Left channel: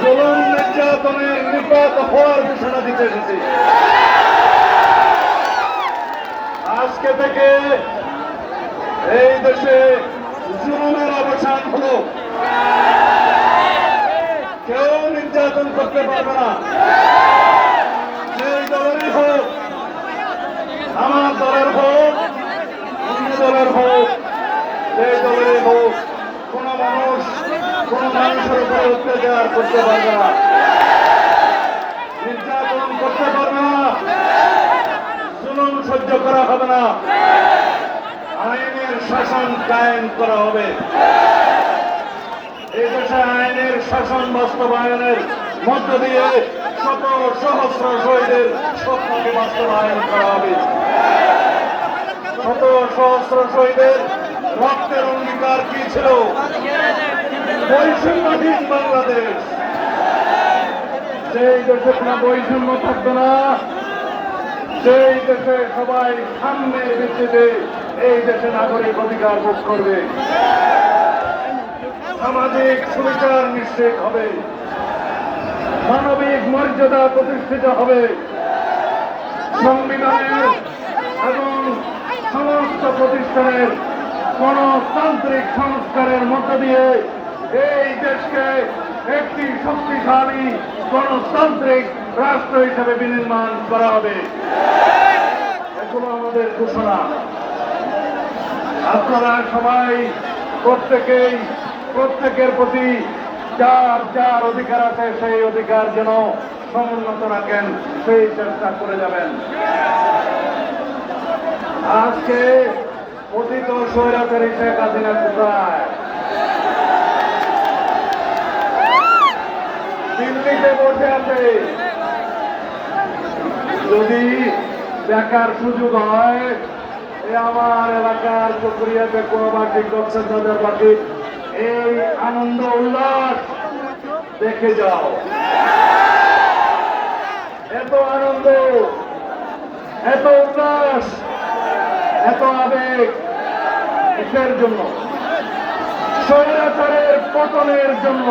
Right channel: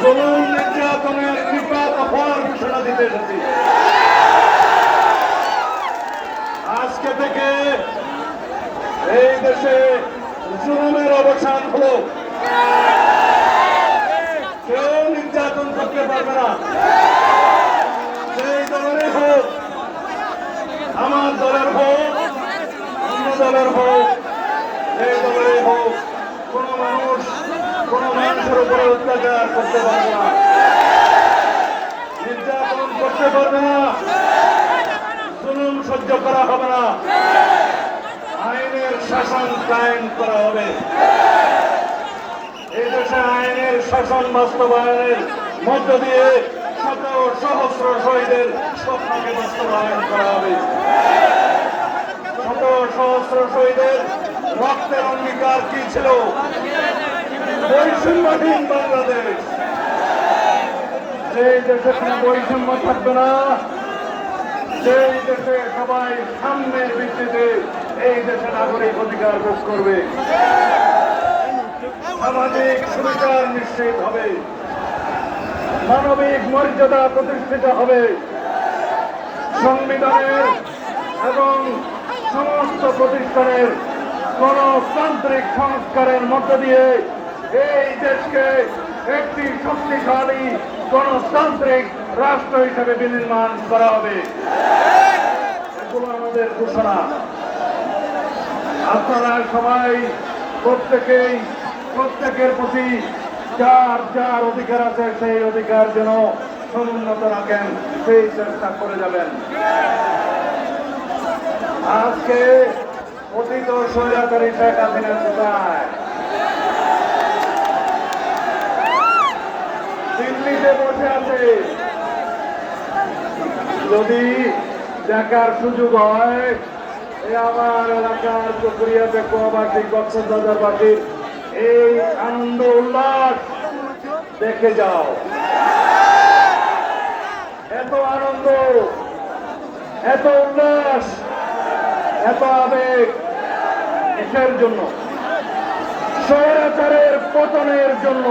জুলুম নির্যাতনের নিপাত হওয়ার ঘোষণা দিতে এসেছি আজকে থেকে এই দেশে জুলুমের অবসান হলো কেউ নির্যাতন করতে পারবে না সেই দলেরই হোক আমার দলের হোক অন্য দলের হোক সেই দলের হোক কোন মানুষ কোন মানুষের উপরে অত্যাচার করতে পারবে না নির্যাতন করতে পারবে না জুলুম সহ্য করা হবে না আইনের শাসন কায়েম করা হবে। এই দেশে আইনের শাসন বাস্তবায়নের মধ্য দিয়ে শত সহস্র শহীদের স্বপ্নকে বাস্তবায়ন করা হবে। শত সহস্র শহীদের রক্তের অঙ্গীকার কি ছিল? বৈষম্যহীন বাংলাদেশ। সেই দেশে কোনো বৈষম্য থাকবে না। সেই দেশে সবাই সামনের ভিত্তিতে এই দেশে নাগরিক অধিকার ভোগ করবে, সামাজিক সুবিচার নিশ্চিত হবে, মানবিক মর্যাদা প্রতিষ্ঠিত হবে, সংবিধানের এবং সমস্ত প্রতিষ্ঠানের গণতান্ত্রিক সংস্কারের মধ্য দিয়ে এই দেশকে একটি শক্তিশালী গণতান্ত্রিক রাষ্ট্র হিসেবে বিনির্মাণ করা হবে। এগুলো আমাদের ঘোষণা। আপনারা সবাই প্রত্যেকেই, প্রত্যেকের প্রতি যার যার অধিকার আছে, সেই অধিকার যেন সমুন্নত রাখেন, সেই চেষ্টা করে যাবেন। আজকে অতীত স্বৈরাচারী শেখ হাসিনা কোথায় দিল্লিতে বসে আছে। যদি দেখার সুযোগ হয় আমার এলাকার চকরিয়া বেকুমাবাসী কক্সবাজার বাসীর এই আনন্দ উল্লাস দেখে যাও। এত আনন্দ, এত উল্লাস, এত আবেগ কিসের জন্য? স্বৈরাচারের পতনের জন্য।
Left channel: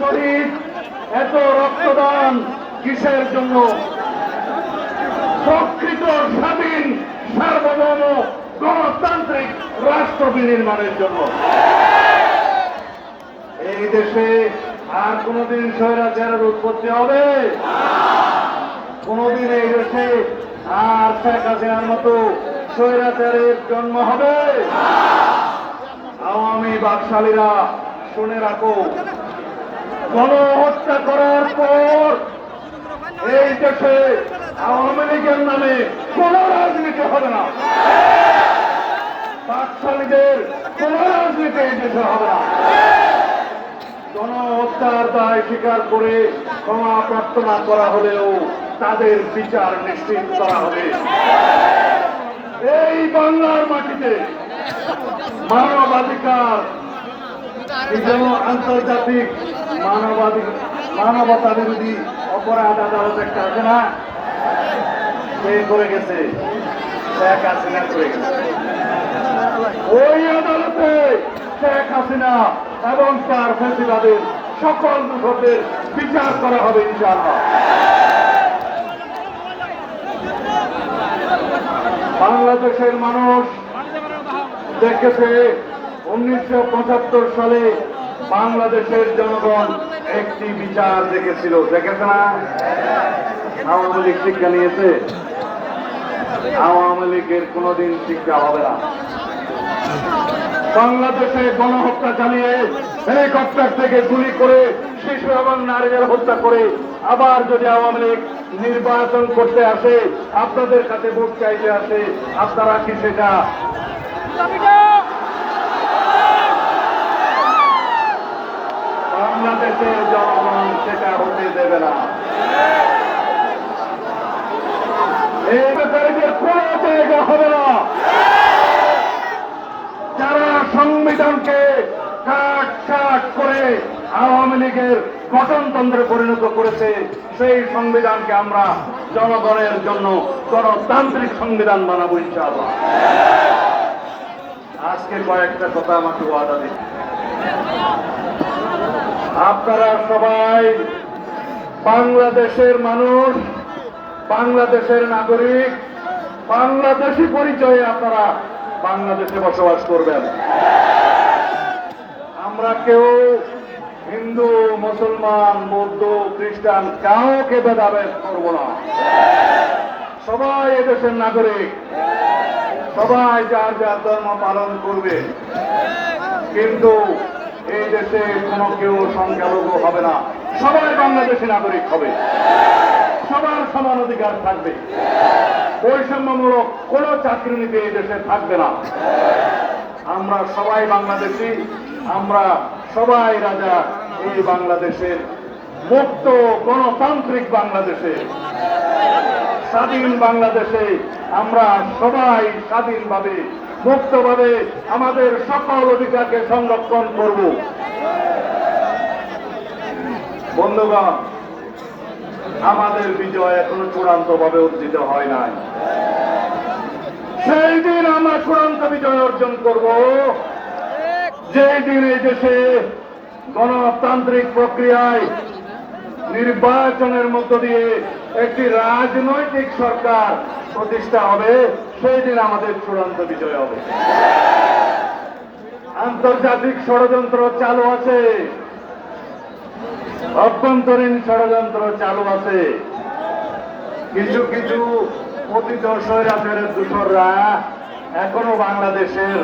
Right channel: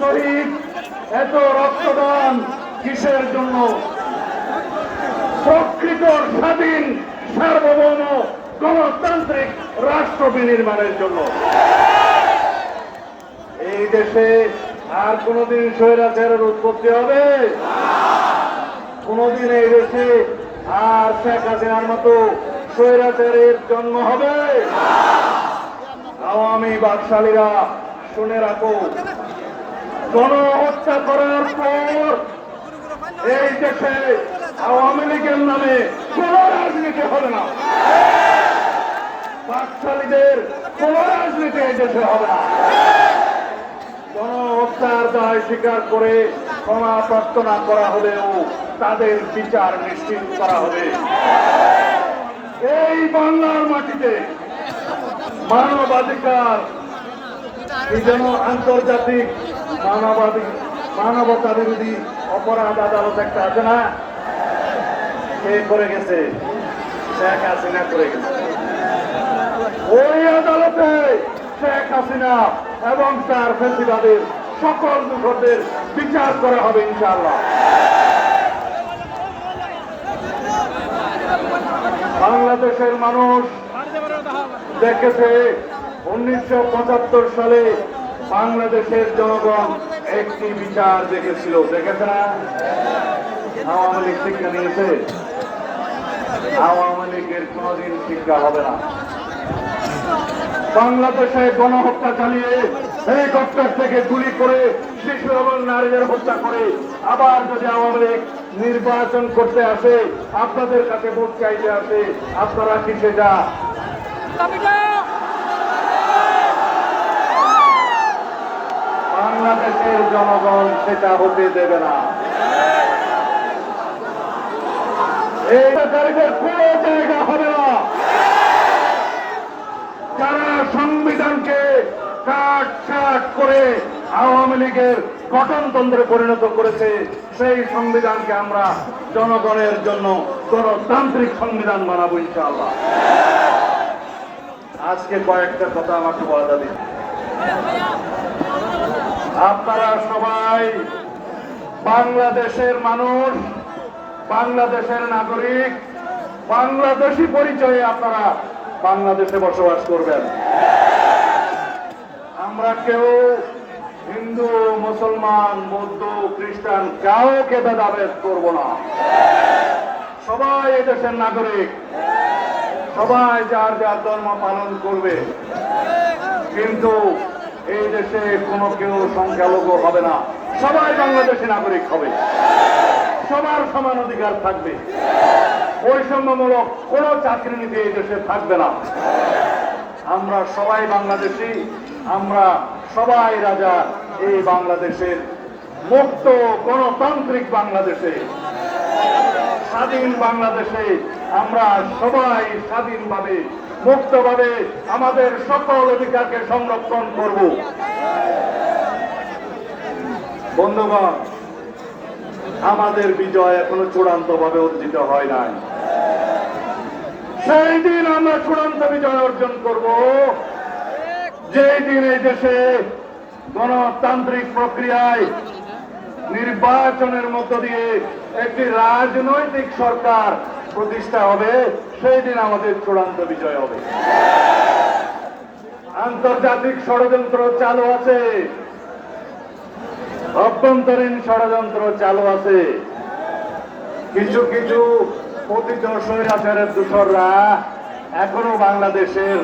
শহীদ, এত রক্তদান কিসের জন্য? প্রকৃত স্বাধীন, সার্বভৌম গণতান্ত্রিক রাষ্ট্র বিনির্মাণের জন্য। এই দেশে আর কোনদিন স্বৈরাচারের উৎপত্তি হবে? কোনদিন এই দেশে আর শেখ হাসিনার মতো স্বৈরাচারের জন্ম হবে? আওয়ামী বাকশালীরা শুনে রাখো। গণহত্যা করার পর এই দেশে আওয়ামী লীগের নামে কোন রাজনীতি হবে না। বাকশালীদের কোন রাজনীতি এই দেশে হবে না। গণহত্যার দায় স্বীকার করে ক্ষমা প্রার্থনা করা হলেও তাদের বিচার নিশ্চিত করা হবে। এই বাংলার মাটিতে মানবাধিকার আন্তর্জাতিক মানবাধিক মানবতা বিরোধী অপরাধ আদালত একটা আছে না? করে গেছে? শেখ হাসিনা করে ওই আদালতে শেখ হাসিনা এবং তার ফেসিবাদের সকল দোষদের বিচার করা হবে ইনশাআল্লাহ। বাংলাদেশের মানুষ দেখেছে উনিশশো পঁচাত্তর সালে বাংলাদেশের জনগণ একটি বিচার দেখেছিল। দেখেছে না? আওয়ামী লীগ শিক্ষা নিয়েছে। আওয়ামী লীগের কোনোদিন শিক্ষা হবে না। বাংলাদেশে গণহত্যা চালিয়ে হেলিকপ্টার থেকে গুলি করে শিশু এবং নারীদের হত্যা করে আবার যদি আওয়ামী লীগ নির্বাচন করতে আসে, আপনাদের কাছে ভোট চাইতে আসে, আপনারা কি সেটা? বাংলাদেশের জনগণ সেটা হতে দেবে না যারা সংবিধানকে কাট কাট করে আওয়ামী লীগের গঠনতন্ত্রে পরিণত করেছে সেই সংবিধানকে আমরা জনগণের জন্য গণতান্ত্রিক সংবিধান বানাবো ইনশাআল্লাহ আজকে কয়েকটা কথা আমাকে ওয়াদা দিন আপনারা সবাই বাংলাদেশের মানুষ, বাংলাদেশের নাগরিক, বাংলাদেশি পরিচয়ে আপনারা বাংলাদেশে বসবাস করবেন। আমরা কেউ হিন্দু, মুসলমান, বৌদ্ধ, খ্রিস্টান কাউকে ভেদাভেদ করব না। সবাই এদেশের নাগরিক। সবাই যার যার ধর্ম পালন করবে। কিন্তু এই দেশে কোনো কেউ সংখ্যালঘু হবে না। সবাই বাংলাদেশি নাগরিক হবে। সবার সমান অধিকার থাকবে। বৈষম্যমূলক কোনো চাকরি নীতি এই দেশে থাকবে না। আমরা সবাই বাংলাদেশি, আমরা সবাই রাজা। এই বাংলাদেশের মুক্ত গণতান্ত্রিক বাংলাদেশে স্বাধীন বাংলাদেশে আমরা সবাই স্বাধীনভাবে, মুক্তভাবে আমাদের সকল অধিকারকে সংরক্ষণ করব। বন্ধুগণ, আমাদের বিজয় এখনও চূড়ান্ত ভাবে অর্জিত হয় নাই। সেই দিন আমরা চূড়ান্ত বিজয় অর্জন করব। যে দিন এই দেশে গণতান্ত্রিক প্রক্রিয়ায় নির্বাচনের মধ্য দিয়ে একটি রাজনৈতিক সরকার প্রতিষ্ঠা হবে, সেই দিন আমাদের চূড়ান্ত বিজয় হবে। আন্তর্জাতিক ষড়যন্ত্র চালু আছে। অভ্যন্তরীণ ষড়যন্ত্র চালু আছে। কিছু কিছু পতিত স্বৈরাচারের দূষররা এখনও বাংলাদেশের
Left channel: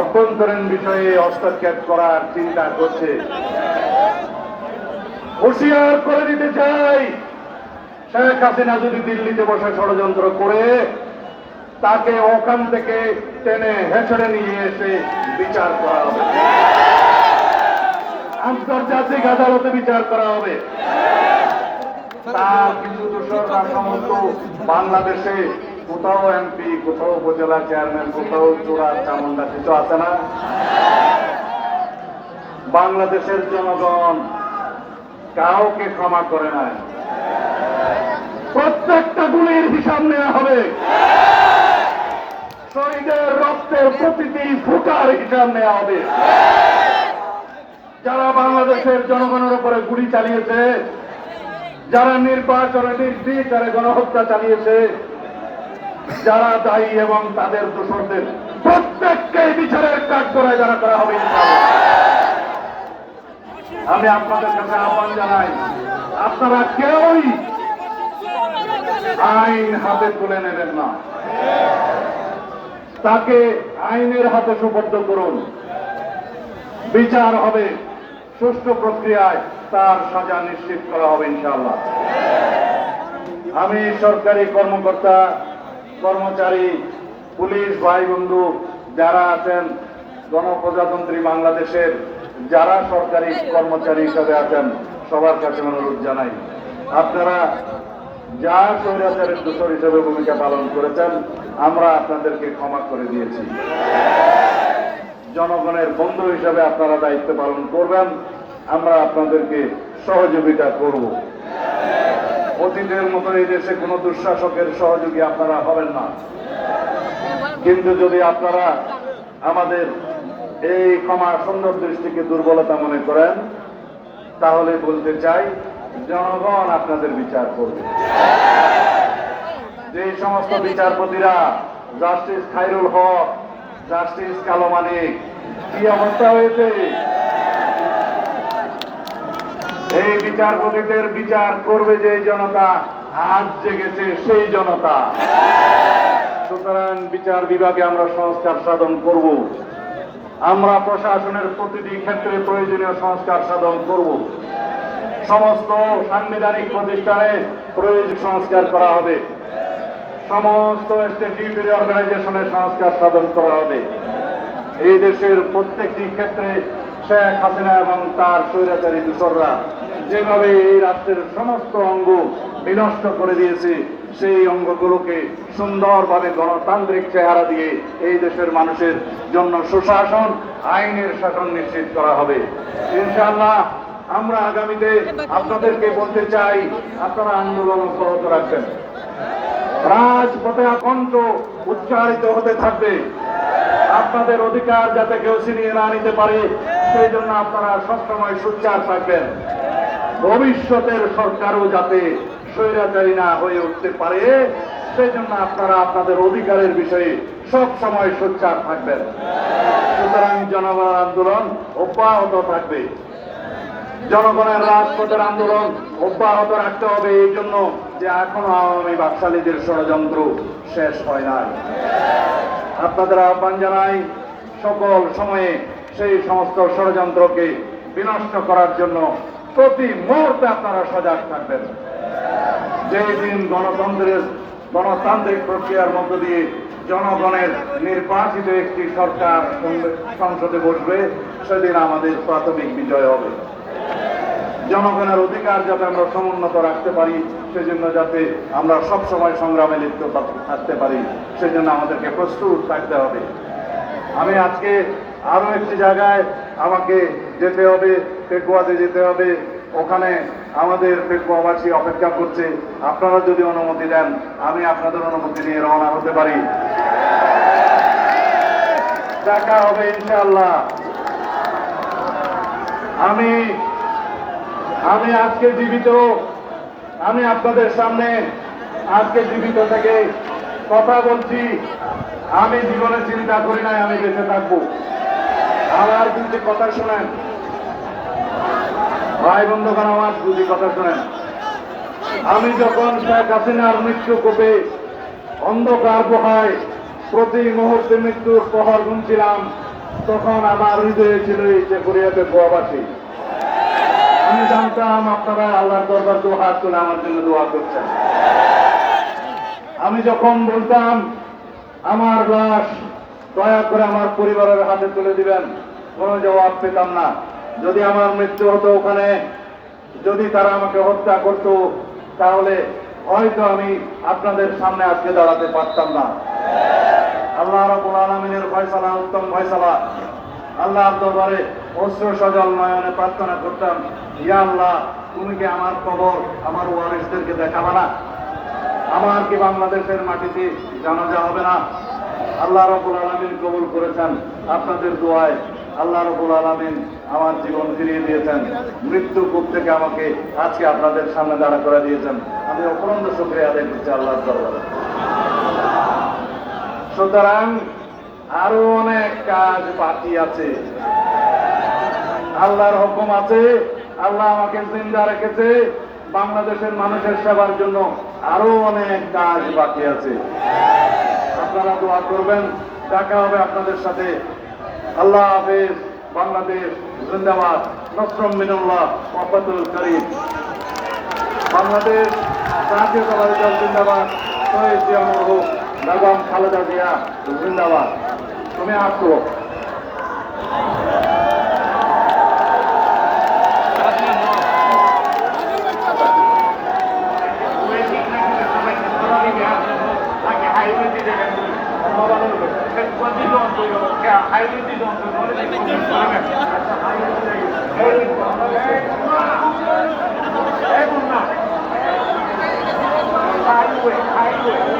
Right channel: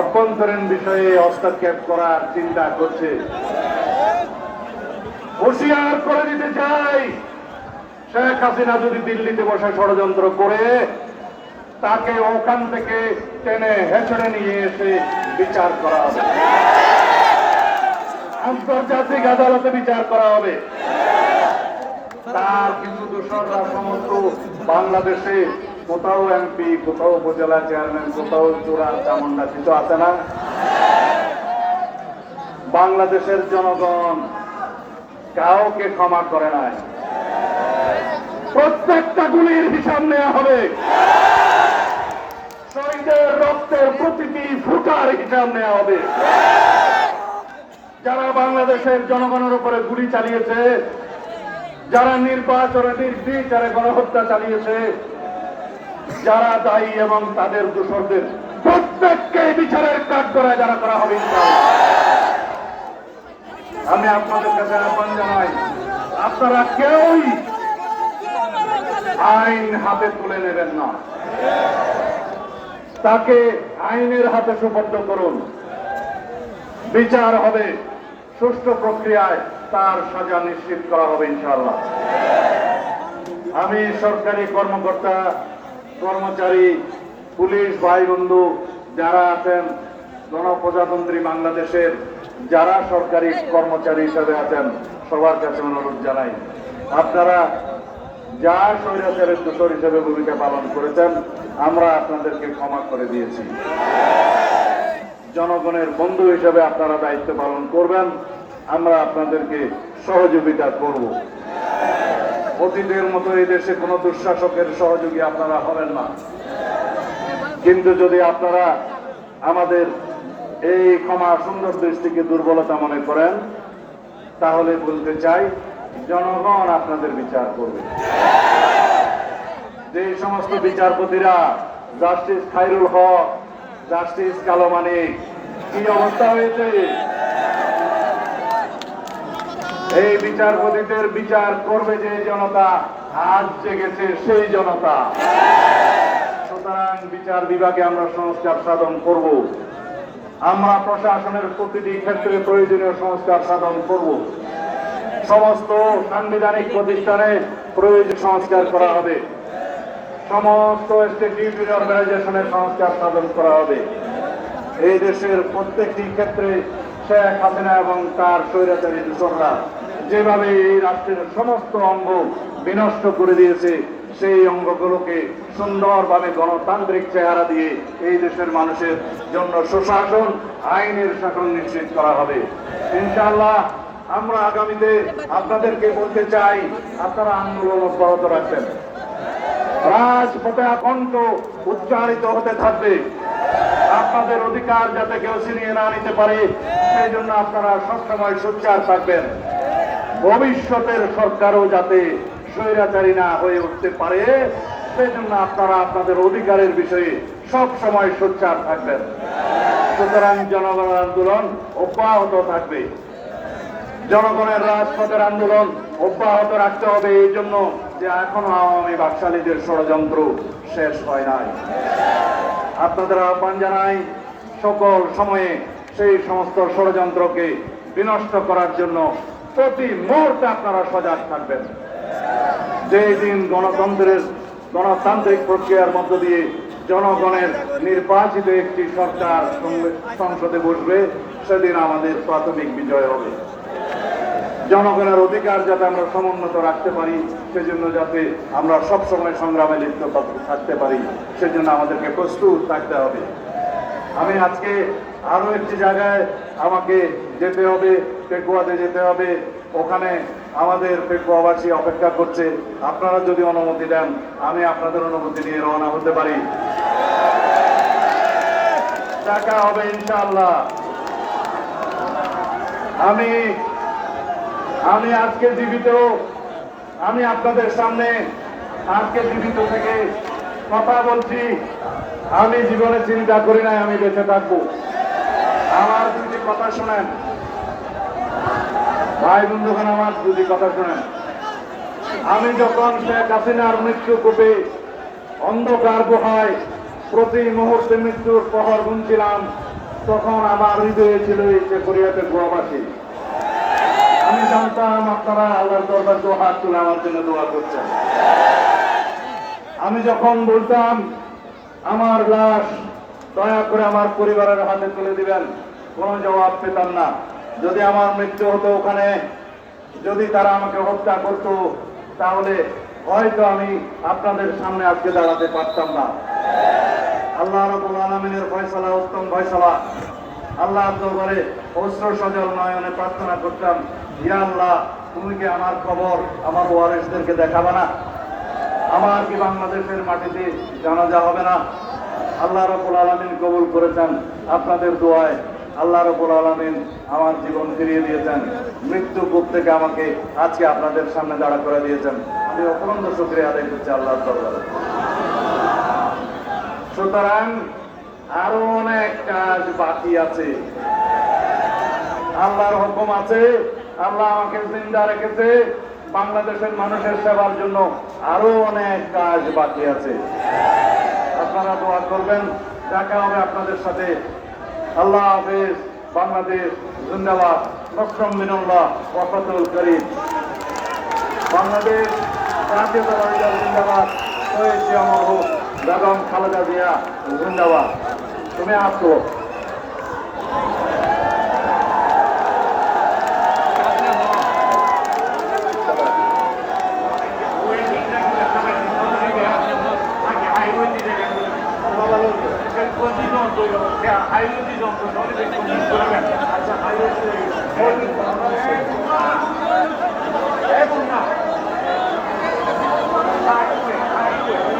অভ্যন্তরীণ বিষয়ে হস্তক্ষেপ করার চিন্তা করছে। হুঁশিয়ার করে দিতে চাই। শেখ হাসিনা যদি দিল্লিতে বসে ষড়যন্ত্র করে, তাকে ওখান থেকে টেনে হেঁচড়ে নিয়ে এসে বিচার করা হবে। আন্তর্জাতিক আদালতে বিচার করা হবে। তার কিছু দূষররা সমস্ত বাংলাদেশে কোথাও এমপি কোথাও উপজেলা চেয়ারম্যান কোথাও চূড়া চামুন্ডা কিছু আছে না। বাংলাদেশের জনগণ কাউকে ক্ষমা করে নাই। প্রত্যেকটা গুলির হিসাব নেওয়া হবে। শহীদের রক্তের প্রতিটি ফুটার হিসাব নেওয়া হবে। যারা বাংলাদেশের জনগণের উপরে গুলি চালিয়েছে, যারা নির্বাচনে নির্বিচারে গণহত্যা চালিয়েছে, যারা দায়ী এবং তাদের দোষরদের প্রত্যেককে বিচারের কাজ করে যারা করা হবে। আমি আপনাদের কাছে আহ্বান জানাই, আপনারা কেউই আইন হাতে তুলে নেবেন না। তাকে আইনের হাতে সুবদ্ধ করুন। বিচার হবে, সুষ্ঠু প্রক্রিয়ায় তার সাজা নিশ্চিত করা হবে ইনশাআল্লাহ। আমি সরকারি কর্মকর্তা, কর্মচারী, পুলিশ ভাই বন্ধু যারা আছেন, গণপ্রজাতন্ত্রী বাংলাদেশের যারা সরকারি কর্মচারী হিসাবে আছেন, সবার কাছে অনুরোধ জানাই। আপনারা যা স্বৈরাচারের দূষর হিসেবে ভূমিকা পালন করেছেন, আমরা আপনাদেরকে ক্ষমা করে দিয়েছি। জনগণের বন্ধু হিসেবে আপনারা দায়িত্ব পালন করবেন, আমরা আপনাদেরকে সহযোগিতা করব। অতীতের মতো এই দেশে কোনো দুঃশাসকের সহযোগী আপনারা হবেন না। কিন্তু যদি আপনারা আমাদের এই ক্ষমা সুন্দর দৃষ্টিকে দুর্বলতা মনে করেন, তাহলে বলতে চাই, জনগণ আপনাদের বিচার করবে। যে সমস্ত বিচারপতিরা, জাস্টিস খাইরুল হক, জাস্টিস কালো মানিক, কি অবস্থা হয়েছে? এই বিচারপতিদের বিচার করবে যে জনতা, আজ জেগেছে সেই জনতা। সুতরাং বিচার বিভাগে আমরা সংস্কার সাধন করব। আমরা প্রশাসনের প্রতিটি ক্ষেত্রে প্রয়োজনীয় সংস্কার সাধন করব। সমস্ত সাংবিধানিক প্রতিষ্ঠানে প্রয়োজন সংস্কার করা হবে। সমস্ত অর্গানাইজেশনের সংস্কার সাধন করা হবে। এই দেশের প্রত্যেকটি ক্ষেত্রে শেখ হাসিনা এবং তার স্বৈরাচারী দূষররা যেভাবে এই রাষ্ট্রের সমস্ত অঙ্গ বিনষ্ট করে দিয়েছে সেই অঙ্গগুলোকে সুন্দরভাবে গণতান্ত্রিক চেহারা দিয়ে এই দেশের মানুষের জন্য সুশাসন, আইনের শাসন নিশ্চিত করা হবে। ইনশাআল্লাহ, আমরা আগামীতে আপনাদেরকে বলতে চাই, আপনারা আন্দোলন অব্যাহত রাখবেন। রাজপথে কণ্ঠ উচ্চারিত হতে থাকবে। আপনাদের অধিকার যাতে কেউ ছিনিয়ে না নিতে পারে, সেই জন্য আপনারা সবসময় সোচ্চার থাকবেন। ভবিষ্যতের সরকারও যাতে স্বৈরাচারী না হয়ে উঠতে পারে সেই জন্য আপনারা আপনাদের অধিকারের বিষয়ে সব সময় সোচ্চার থাকবেন। সুতরাং জনগণ আন্দোলন অব্যাহত থাকবে। জনগণের রাজপথের আন্দোলন অব্যাহত রাখতে হবে, এই জন্য যে এখনও আওয়ামী বাকশালীদের ষড়যন্ত্র শেষ হয় নাই। আপনাদের আহ্বান জানাই, সকল সময়ে সেই সমস্ত ষড়যন্ত্রকে বিনষ্ট করার জন্য প্রতি মুহূর্তে আপনারা সজাগ থাকবেন। যেই দিন গণতন্ত্রের, গণতান্ত্রিক প্রক্রিয়ার মধ্য দিয়ে জনগণের নির্বাচিত একটি সরকার সংসদে বসবে, সেদিন আমাদের প্রাথমিক বিজয় হবে। জনগণের অধিকার যাতে আমরা সমুন্নত রাখতে পারি, সেজন্য যাতে আমরা সব সময় সংগ্রামে লিপ্ত থাকতে পারি, সেজন্য আমাদেরকে প্রস্তুত থাকতে হবে। আমি আজকে আরও একটি জায়গায় আমাকে যেতে হবে, পেকুয়াতে যেতে হবে। ওখানে আমাদের পেকুয়াবাসী অপেক্ষা করছে। আপনারা যদি অনুমতি দেন, আমি আপনাদের অনুমতি নিয়ে রওনা হতে পারি। দেখা হবে ইনশাল্লাহ আমি আমি আজকে জীবিত। আমি আপনাদের সামনে আজকে জীবিত থেকে কথা বলছি। আমি জীবনে চিন্তা করি নাই, আমি বেঁচে থাকব। আমার দুটি কথা শোনেন। ভাই বন্ধুগণ, আমার দুটি কথা শোনেন। আমি যখন শেখ হাসিনার মৃত্যু কোপে অন্ধকার গুহায় প্রতি মুহূর্তে মৃত্যুর প্রহর গুনছিলাম, তখন আমার হৃদয়ে ছিল এই যে কোরিয়াতে গোয়াবাসী। আমি জানতাম আপনারা আল্লাহর দরবার দু তুলে আমার জন্য দোয়া করছেন। আমি যখন বলতাম, আমার লাশ, দয়া করে আমার পরিবারের হাতে তুলে দিবেন কোনো জবাব পেতাম না। যদি আমার মৃত্যু হতো ওখানে, যদি তারা আমাকে হত্যা করত, তাহলে হয়তো আমি আপনাদের সামনে আজকে দাঁড়াতে পারতাম না। আল্লাহ রাব্বুল আলামিনের ফয়সালা, উত্তম ফয়সালা। আল্লাহ দরবারে অস্ত্র সজল নয়নে প্রার্থনা করতাম, ইয়া আল্লাহ, তুমি কি আমার কবর, আমার ওয়ারিসদেরকে দেখাবে না? আমার কি বাংলাদেশের মাটিতে জানাজা হবে না? আল্লাহ রবুল আলমিন কবুল করেছেন আপনাদের দোয়ায়। আল্লাহ রবুল আলমিন আমার জীবন ফিরিয়ে দিয়েছেন। মৃত্যু কূপ থেকে আমাকে আজকে আপনাদের সামনে দাঁড়া করে দিয়েছেন। আমি অপরন্ত শুক্রিয়া আদায় করছি দরবারে। সুতরাং আরও অনেক কাজ বাকি আছে। আল্লাহর হুকুম আছে। আল্লাহ আমাকে জিন্দা রেখেছে। বাংলাদেশের মানুষের সেবার জন্য আরও অনেক কাজ বাকি আছে। আপনারা দোয়া করবেন। দেখা হবে আপনাদের সাথে আল্লাহ হাফেজ, বাংলাদেশ জিন্দাবাদ। নসরম মিনুল্লাহ, মোহাম্মদুল করিম। বাংলাদেশ জাতীয় দল জিন্দাবাদ। শহীদ জিয়া মরহুম, বেগম খালেদা জিয়া জিন্দাবাদ। তুমি আসো হাইওয়ে